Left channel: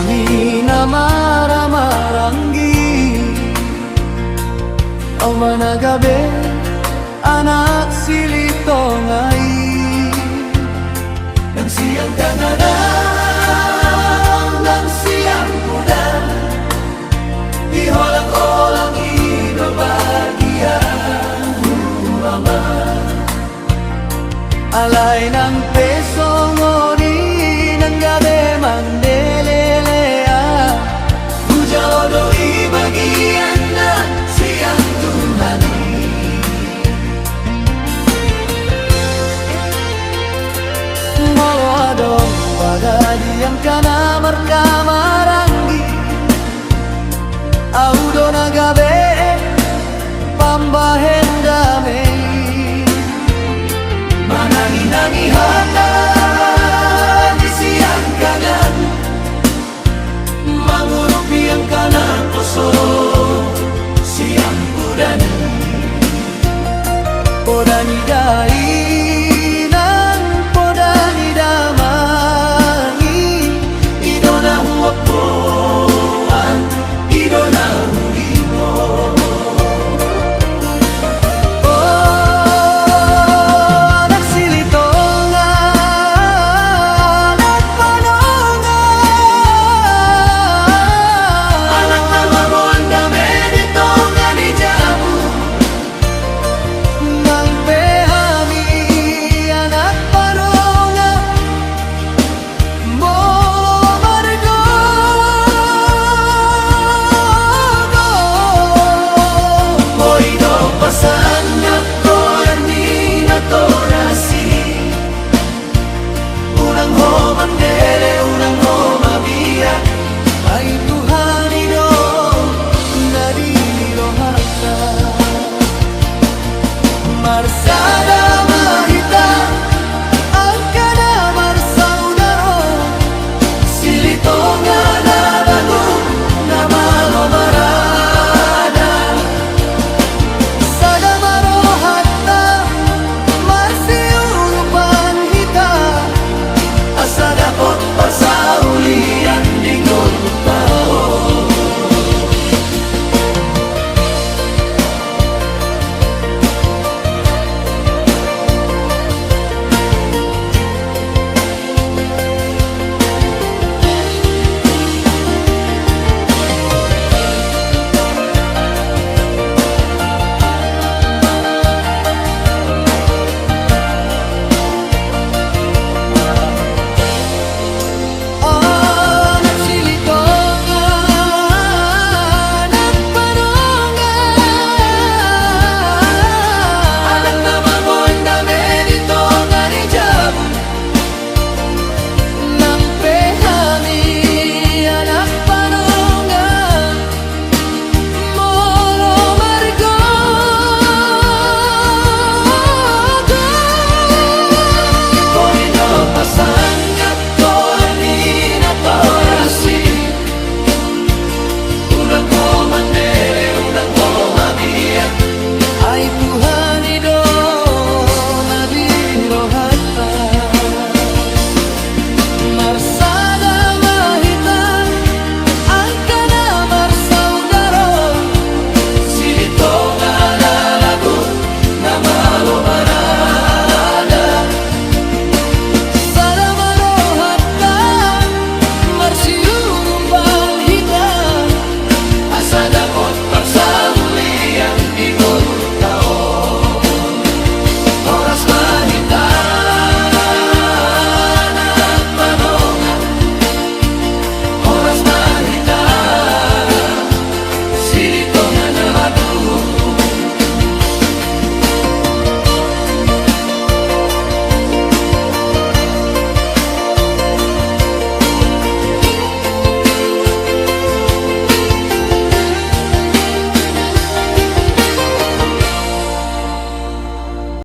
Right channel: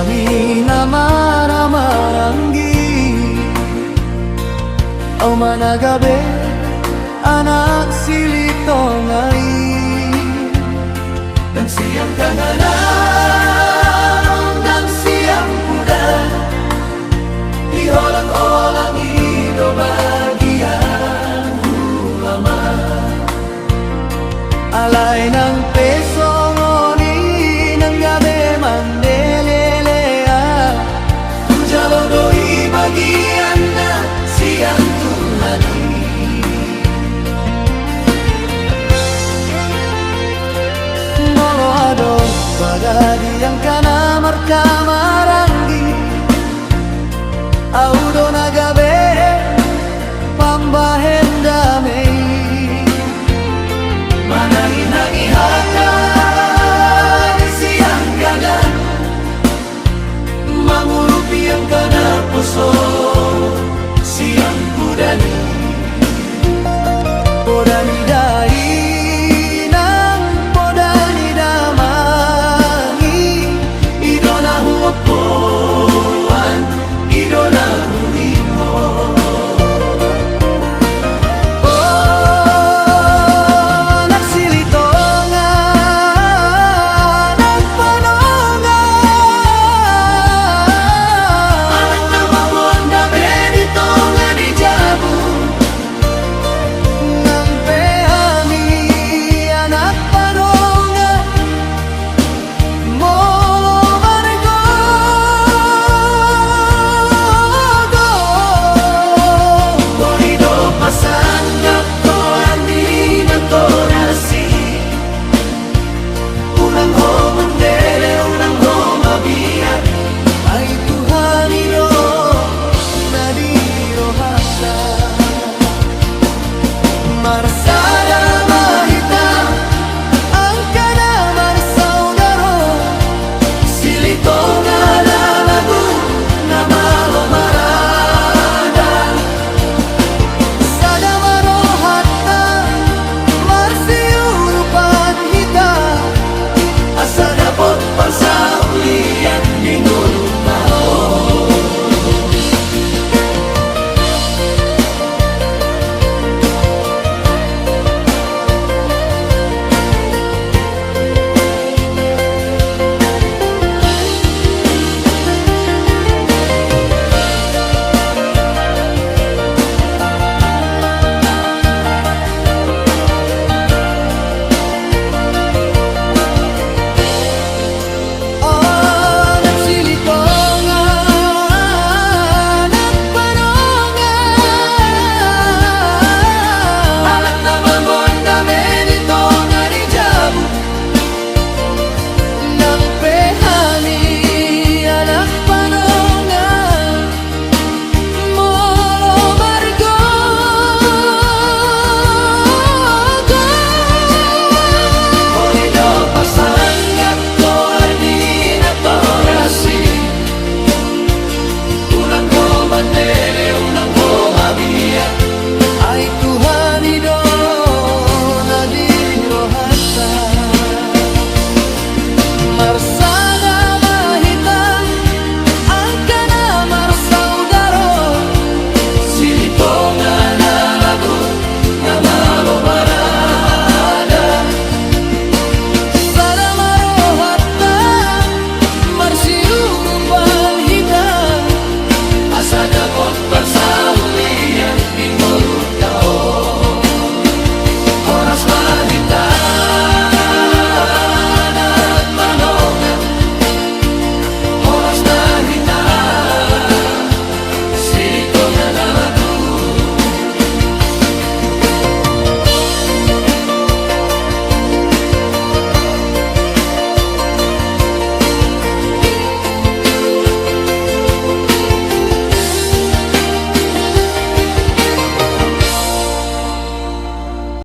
kami na maramarangi. O managabi, anak silito ngay. Nang siyang kanganaw, nang siyang pudan, di holang-olang ino bagian ulaman. Alay ng peso ngoni ng gabi mandelelea, hujalo doi bagian na siyang Tuhani. Molo adong badadi yang kana markamaranggi, audo na gabi pambahen damai. Manangi-nangihana di siang kanan, mangurupi ang kana puso siang pudani. Podani dai nang podani damangi, idona huwapuan, idona huhimo. Marsada mahita ang kana marsaudaro, silito nga lalagu na malomarada. Sada marohata marsiurupan hita, asa dapot pasaulian dingonu tao. Ay Tuhani do